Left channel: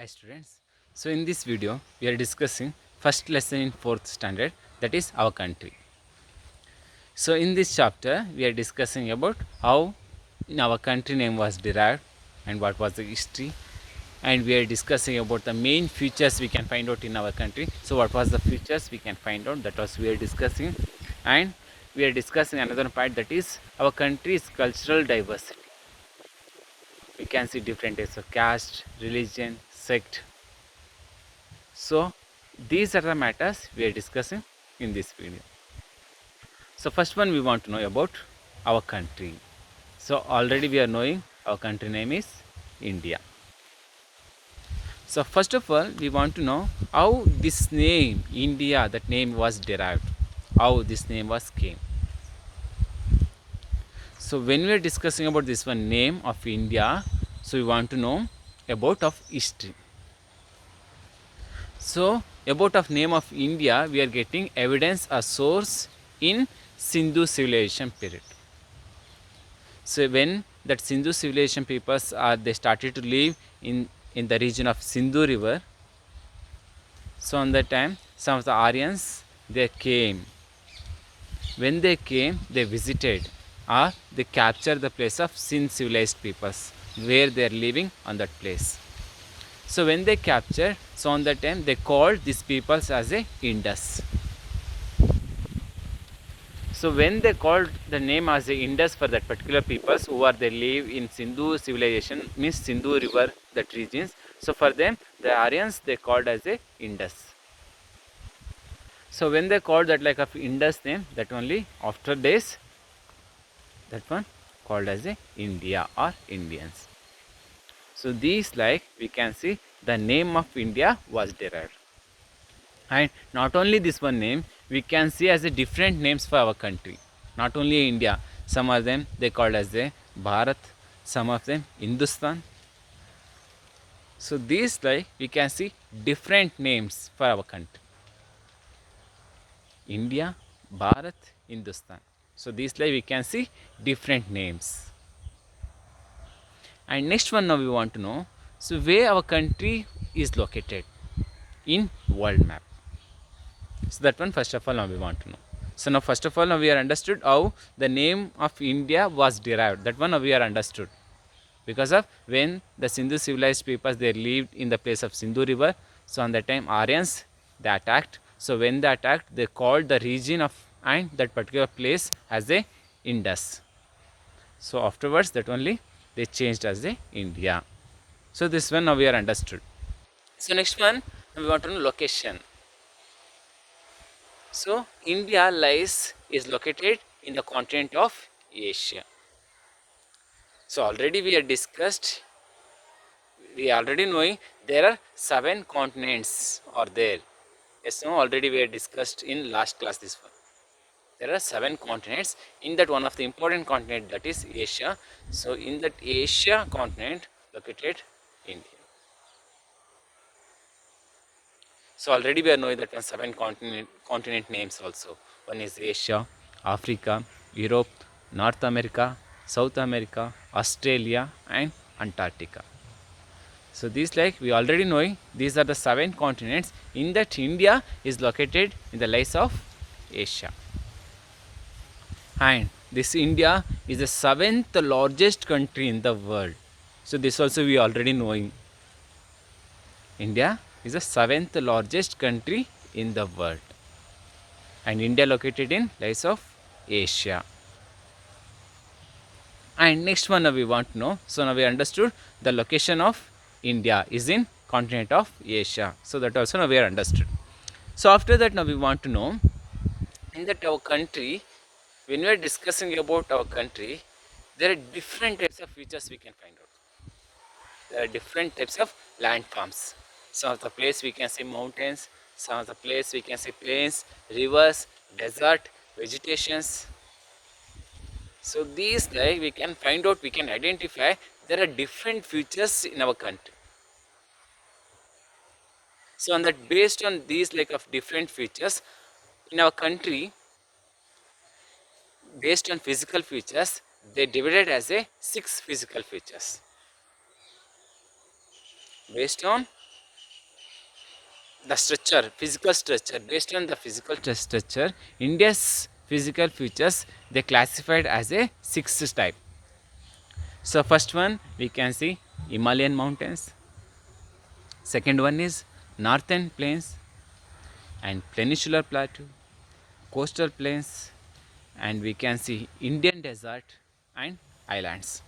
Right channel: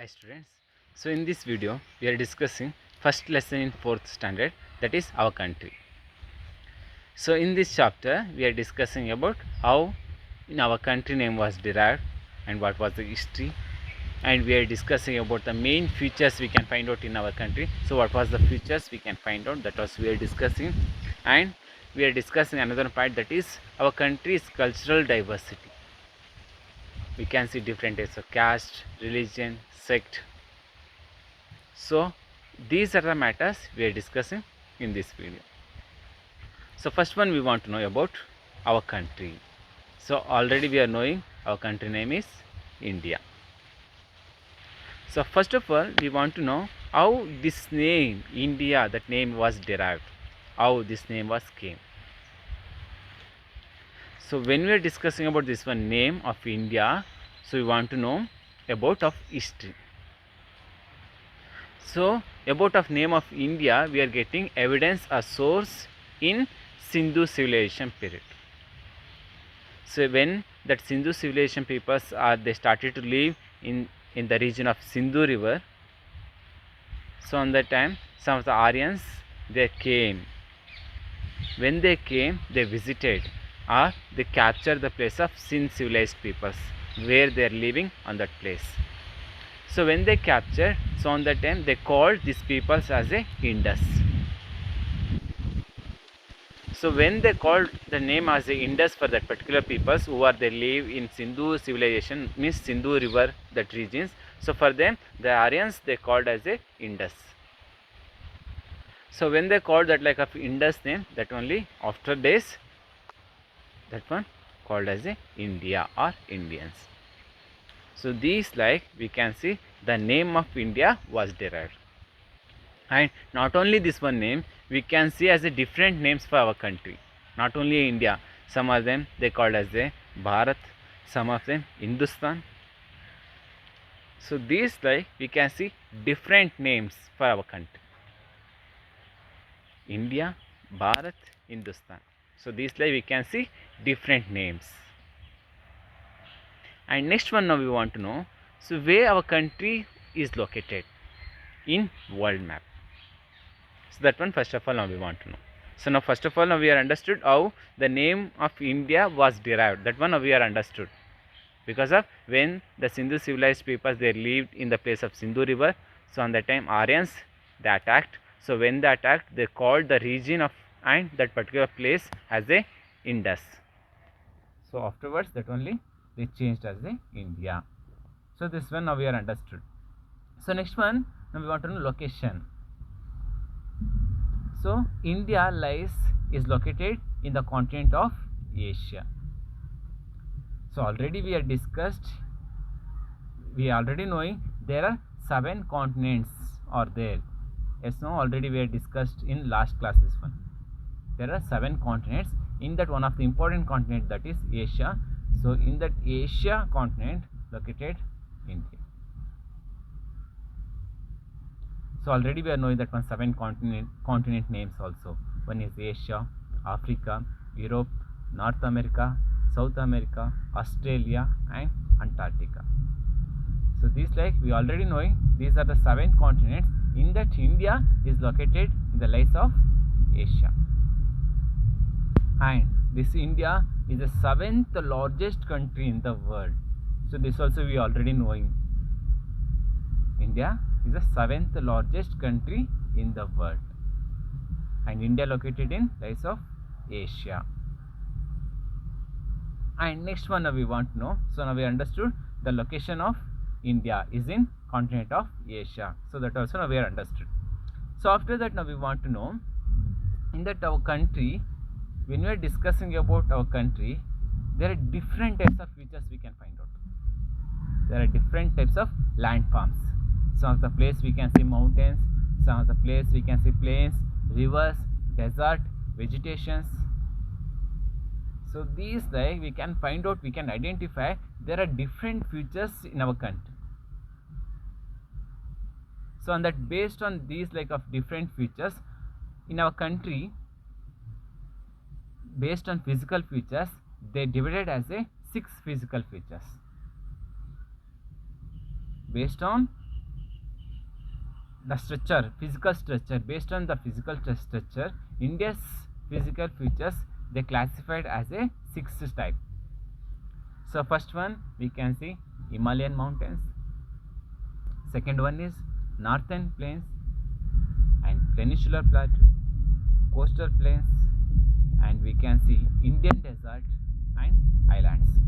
Hi students. So in this video we are discussing first lesson in 4th standard, that is our country. So in this chapter we are discussing about how our country name was derived and what was the history, and we are discussing about the main features we can find out in our country. So what was the features we can find out, that was we are discussing, and we are discussing another part, that is our country's cultural diversity. We can see different types of caste, religion, sect. So these are the matters we are discussing in this video. So first one, we want to know about our country. So already we are knowing our country name is India. So first of all, we want to know how this name India, that name was derived, how this name was came. So when we are discussing about this one name of India, so we want to know about of history. So about of name of India, we are getting evidence, a source in Sindhu civilization period. So when that Sindhu civilization peoples they started to live in the region of Sindhu river. So on that time some of the Aryans they came. When they came, they visited or they captured the place of Sindh civilized peoples where they are living on that place. So when they captured, so on that time they called these peoples as a Indus. So when they called the name as a Indus for that particular peoples who are they live in Sindhu civilization, means Sindhu river that regions. So for them the Aryans they called as a Indus. So when they called that like of Indus name, that only after days that one called as a India or Indians. So these like we can see the name of India was derived. And not only this one name, we can see as a different names for our country. Not only India, some of them they called as a Bharat, some of them Hindustan. So these like we can see different names for our country. India, Bharat, Hindustan. So these like we can see different names. And next one now we want to know, so where our country is located in world map. So that one first of all now we want to know. So now first of all now we are understood how the name of India was derived. That one now we are understood. Because of when the Sindhu civilized peoples they lived in the place of Sindhu river. So on that time Aryans they attacked. So when they attacked, they called the region of and that particular place as a Indus. So afterwards that only they changed as a India. So this one now we are understood. So next one now we want to know location. So India is located in the continent of Asia. So already we have discussed, we already knowing there are 7 continents are there. Yes, no, already we have discussed in last class this one. There are 7 continents. In that one of the important continent, that is Asia. So in that Asia continent located India. So already we are knowing that one 7 continent names also. One is Asia, Africa, Europe, North America, South America, Australia and Antarctica. So these like we already knowing these are the 7 continents. In that India is located in the place of Asia. And this India is the 7th largest country in the world. So this also we already knowing. India is the 7th largest country in the world. And India located in place of Asia. And next one now we want to know. So now we understood the location of India is in continent of Asia. So that also now we are understood. So after that now we want to know in that our country, when we are discussing about our country, there are different types of features we can find out. There are different types of landforms. Some of the place we can see mountains, some of the place we can see plains, rivers, desert, vegetations. So these like we can find out, we can identify there are different features in our country. So on that based on these like of different features in our country, based on physical features, they divided as a 6 physical features. Based on the structure, physical structure. Based on the physical structure, India's physical features, they classified as a 6 type. So first one we can see Himalayan mountains. Second one is northern plains and peninsular plateau, coastal plains, and we can see Indian desert and islands.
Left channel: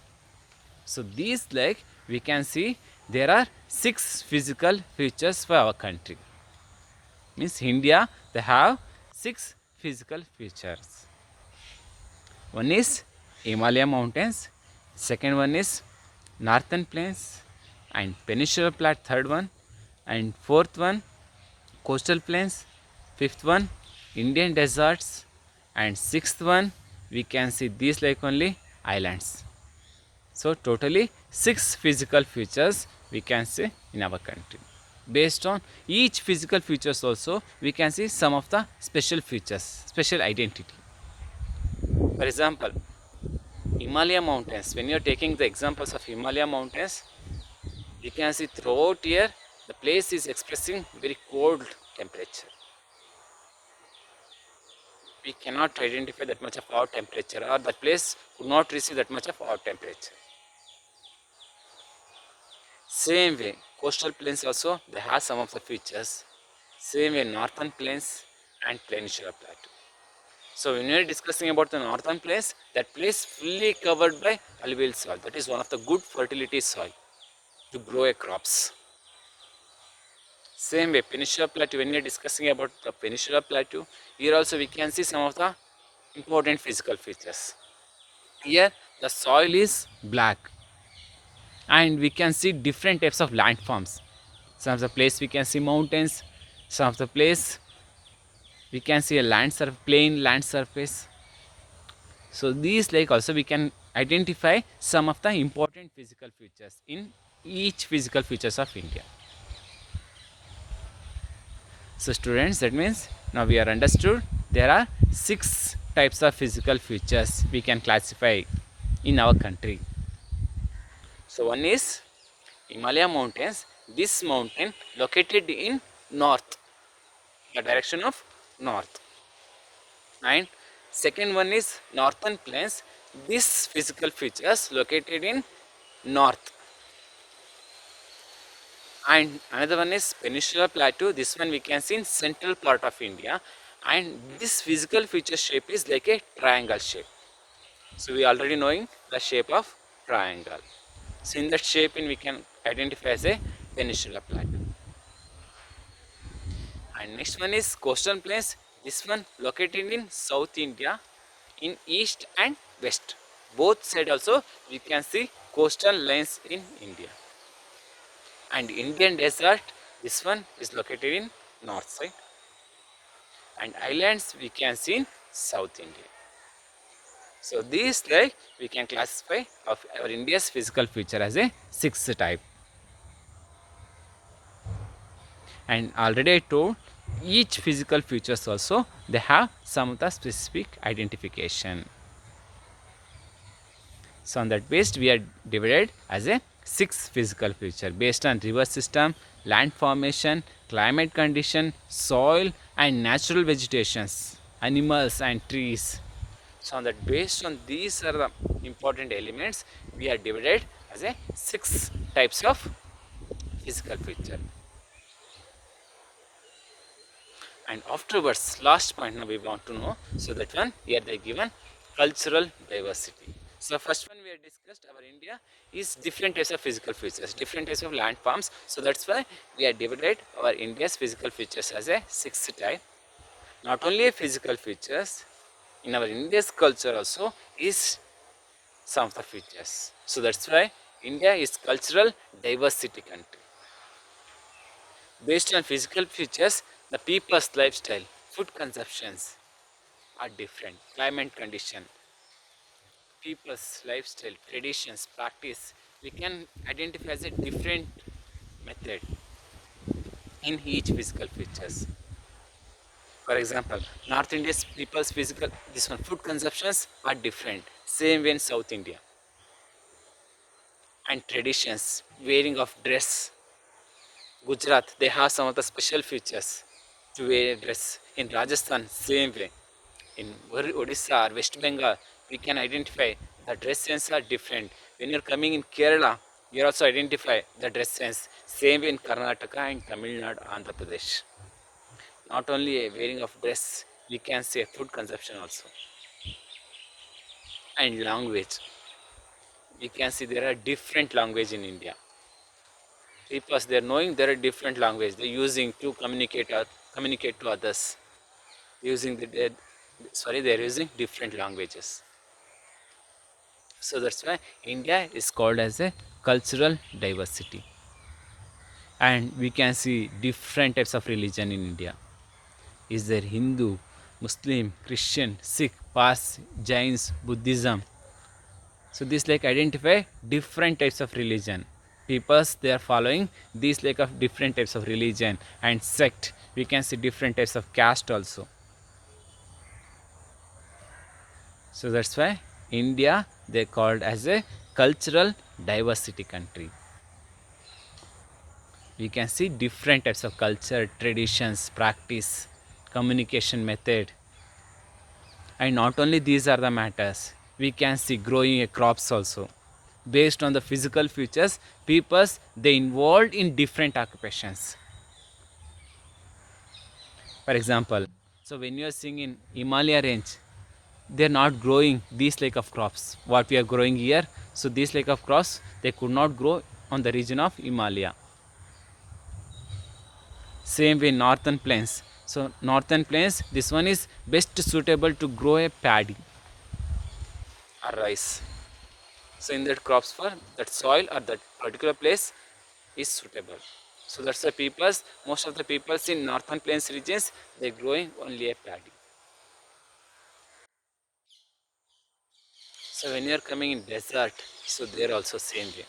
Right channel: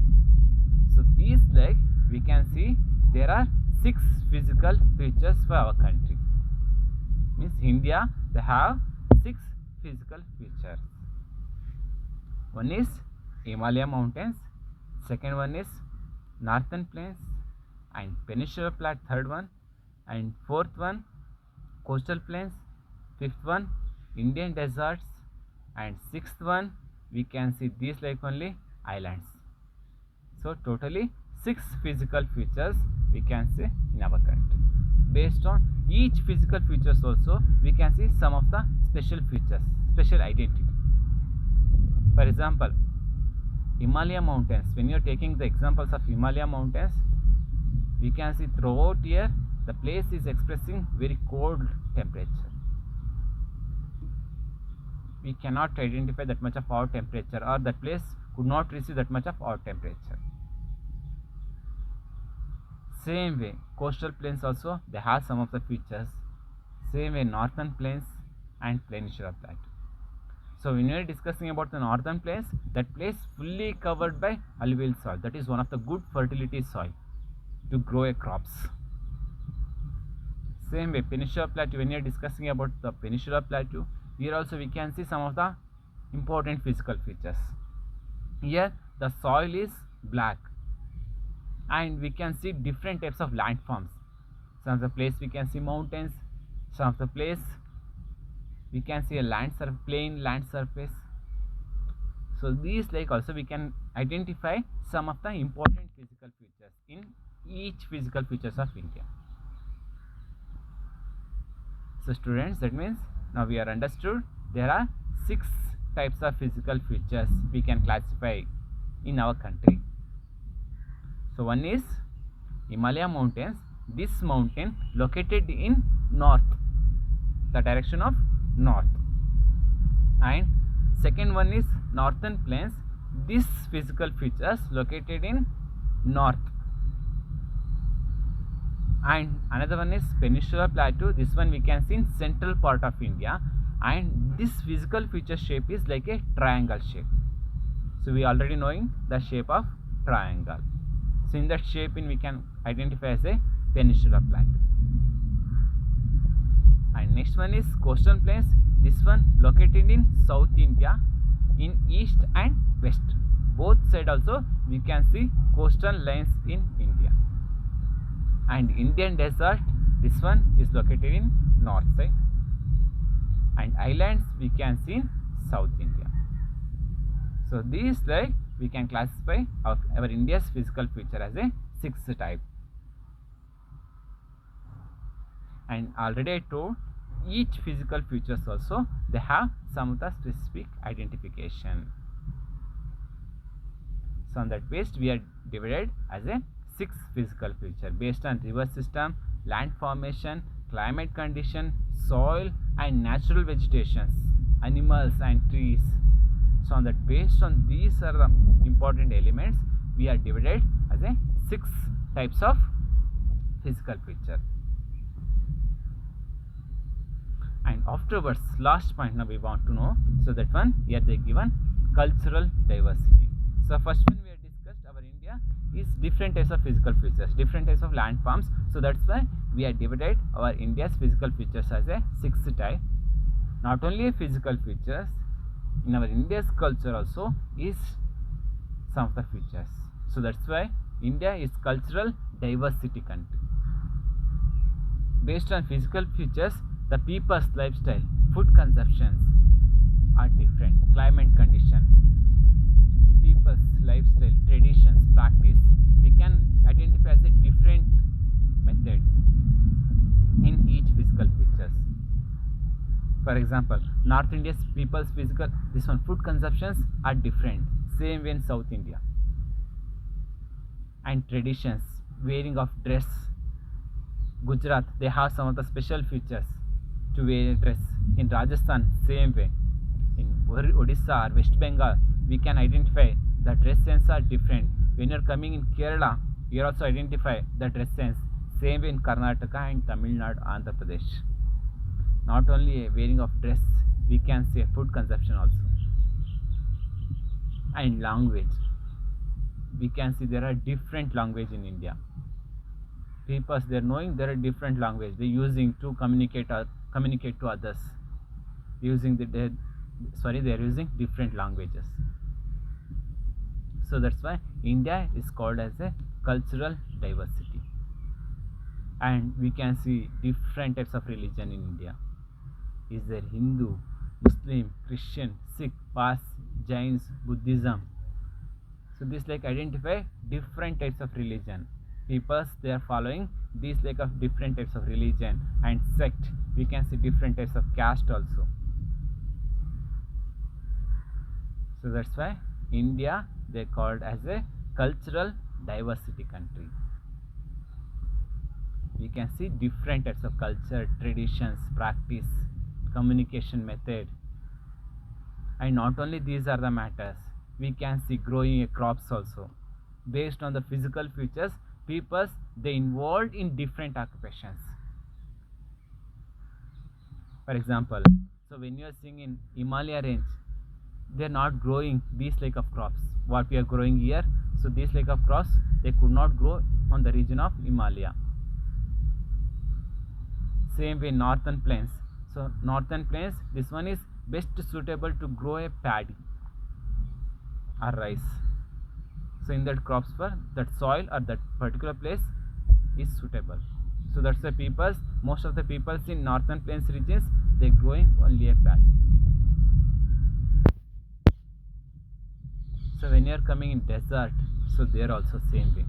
So these, like, we can see there are 6 physical features for our country. Means India, they have 6 physical features. One is Himalaya mountains, second one is northern plains and peninsular plateau, third one, and fourth one coastal plains, fifth one Indian deserts, and sixth one we can see these like only islands. So totally 6 physical features we can see in our country. Based on each physical features also we can see some of the special features, special identity. For example, Himalaya mountains, when you are taking the examples of Himalaya mountains, you can see throughout here the place is expressing very cold temperature. We cannot identify that much of hot temperature, or that place would not receive that much of hot temperature. Same way, coastal plains also, they have some of the features. Same way, northern plains and peninsular plateau. So when we are discussing about the northern plains, that place fully covered by alluvial soil. That is one of the good fertility soil to grow a crops. Same way, peninsular plateau, when we are discussing about the peninsular plateau, here also we can see some of the important physical features. Here the soil is black and we can see different types of landforms. Some of the place we can see mountains, some of the place we can see a plain land surface. So these, like, also we can identify some of the important physical features in each physical features of India. So students, that means now we are understood there are 6 types of physical features we can classify in our country. So one is Himalaya mountains. This mountain located in north, the direction of north. And second one is northern plains. This physical features located in north. And another one is peninsular plateau. This one we can see in central part of India, and this physical feature shape is like a triangle shape. So we already knowing the shape of triangle. So in that shape we can identify as a peninsular plateau. And next one is coastal plains. This one located in South India, in east and west. Both side also we can see coastal lines in India. And Indian desert, this one is located in north side. And islands we can see in South India. So these, like, we can classify of our India's physical feature as a 6th type. And already I told each physical features also they have some of the specific identification. So on that base we are divided as a 6 physical feature based on river system, land formation, climate condition, soil and natural vegetations, animals and trees. So on that, based on these are the important elements, we are divided as a 6 types of physical feature. And afterwards, last point now we want to know. So that one here they given cultural diversity. So first one we have discussed our India is different types of physical features, different types of landforms. So that's why we are divided our India's physical features as a 6th type. Not only physical features, in our India's culture also is some of the features. So that's why India is cultural diversity country. Based on physical features, the people's lifestyle, food consumptions are different. Climate condition, people's lifestyle, traditions, practice, we can identify as a different method in each physical features. For example, North India's people's physical, this one, food consumptions are different. Same way in South India. And traditions, wearing of dress, Gujarat, they have some of the special features to wear dress. In Rajasthan, same way. In Odisha or West Bengal, we can identify the dress sense are different. When you're coming in Kerala, you also identify the dress sense. Same in Karnataka and Tamil Nadu, Andhra Pradesh. Not only a wearing of dress, we can say food consumption also. And language. We can see there are different language in India. People, they're knowing there are different language they're using to communicate to others. Using they're using different languages. So that's why India is called as a cultural diversity. And we can see different types of religion in India. Is there Hindu, Muslim, Christian, Sikh, Parsi, Jains, Buddhism? So this like identify different types of religion. Peoples, they are following these like of different types of religion and sect. We can see different types of caste also. So that's why India, they called as a cultural diversity country. We can see different types of culture, traditions, practice, communication method. And not only these are the matters, we can see growing crops also. Based on the physical features, peoples, they involved in different occupations. For example, so when you are seeing in Himalaya range, they are not growing these like of crops what we are growing here. So these like of crops, they could not grow on the region of Himalaya. Same way northern plains. So northern plains, this one is best suitable to grow a paddy or rice. So in that crops for that soil or that particular place is suitable. So that's the peoples, most of the peoples in northern plains regions, they growing only a paddy. So when you are coming in desert, so they are also same way.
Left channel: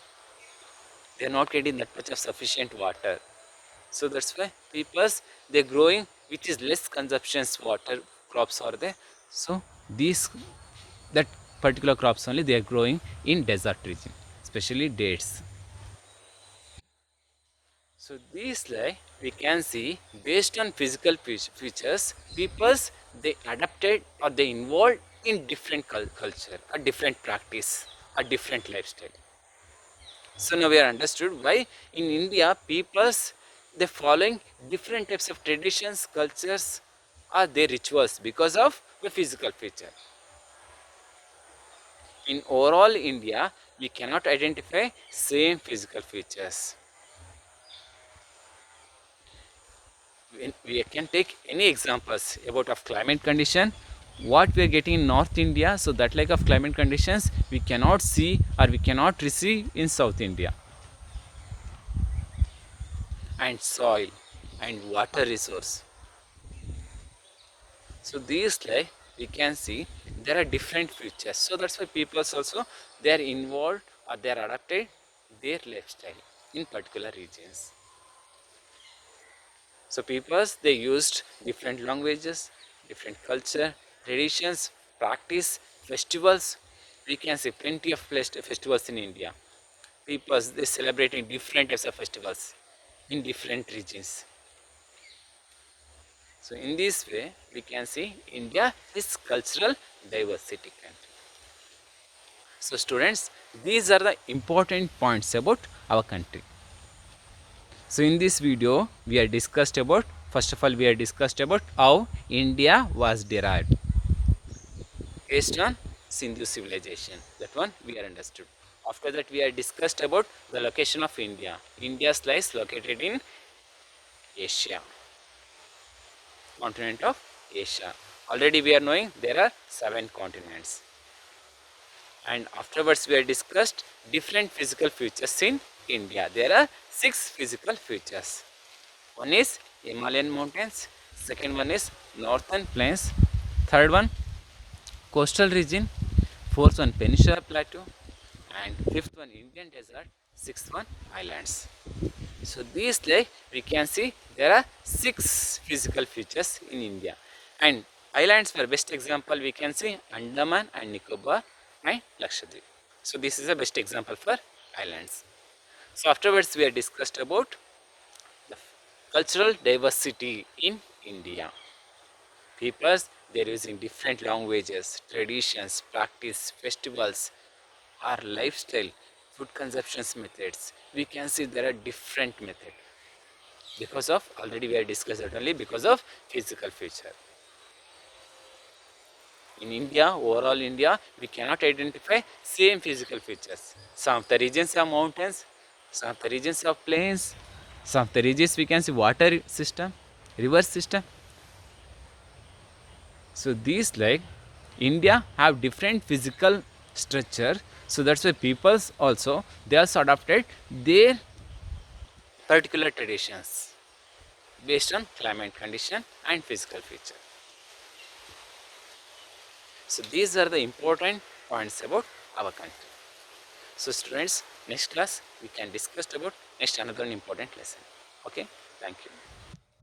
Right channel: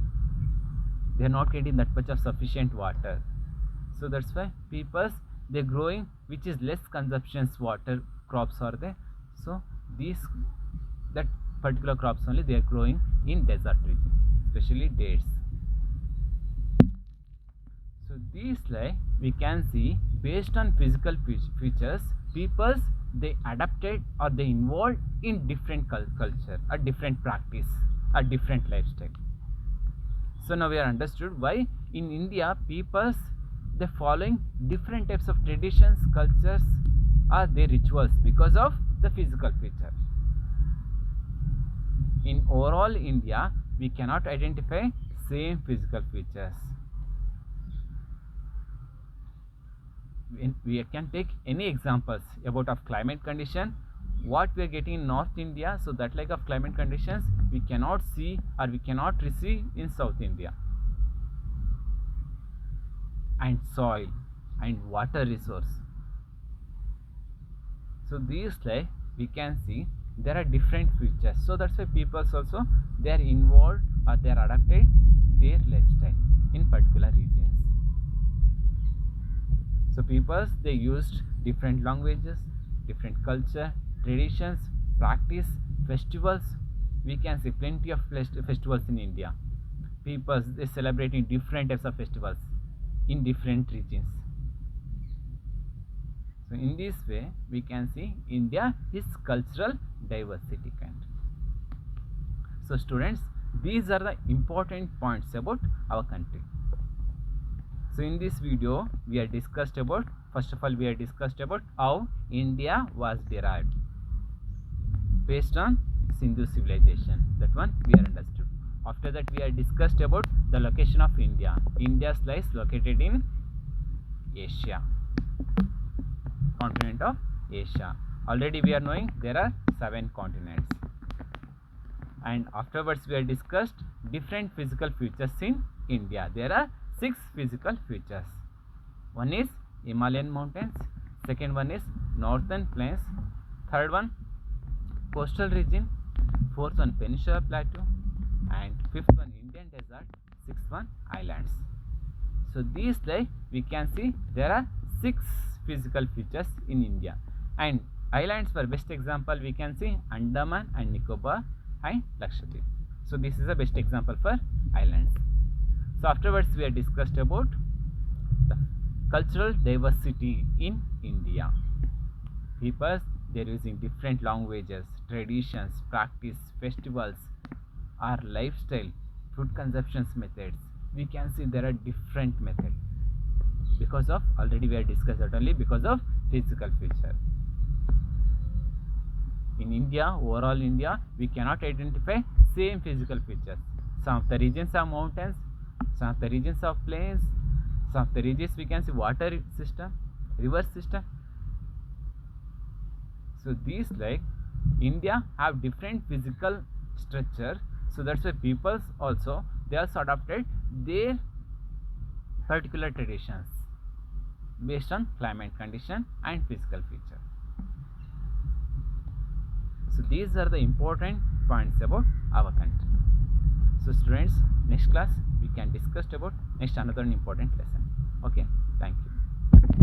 They are not getting that much of sufficient water. So that's why peoples, they are growing which is less consumptions water crops are there. So these that particular crops only they are growing in desert region, especially dates. So these like we can see based on physical features, peoples, they adapted or they involved in different culture, a different practice, a different lifestyle. So now we are understood why in India peoples, they following different types of traditions, cultures, or their rituals because of the physical feature. In overall India, we cannot identify same physical features. We can take any examples about of climate condition, what we are getting in North India, so that like of climate conditions we cannot see or we cannot receive in South India. And soil and water resource. So these like we can see there are different features. So that's why people also they are involved or they are adapted their lifestyle in particular regions. So peoples, they used different languages, different culture, traditions, practice, festivals. We can see plenty of festivals in India. Peoples, they celebrating different types of festivals in different regions. So in this way, we can see India is cultural diversity country. So students, these are the important points about our country. So in this video, we are discussed about, first of all, we are discussed about how India was derived based on Sindhu civilization. That one we are understood. After that, we are discussed about the location of India. India's lies located in Asia, continent of Asia. Already we are knowing there are 7 continents. And afterwards, we are discussed different physical features in India. There are 6 physical features. One is Himalayan mountains, second one is northern plains, third one coastal region, fourth one peninsular plateau, and fifth one Indian desert, sixth one islands. So these like we can see there are 6 physical features in India. And islands, for best example we can see Andaman and Nicobar and Lakshadweep. So this is a best example for islands. So afterwards we are discussed about Cultural diversity in India. Peoples, they're using different languages, traditions, practice, festivals, our lifestyle, food consumptions methods. We can see there are different methods because of, already we have discussed it, only because of physical feature. In India, overall India, we cannot identify same physical features. Some of the regions are mountains, some of the regions are plains, some of the regions we can see water system, river system. So these, like India have different physical structure, so that's why peoples also, they also adopted their particular traditions based on climate condition and physical feature. So these are the important points about our country. So students, next class we can discuss about next another important lesson. Okay, thank you.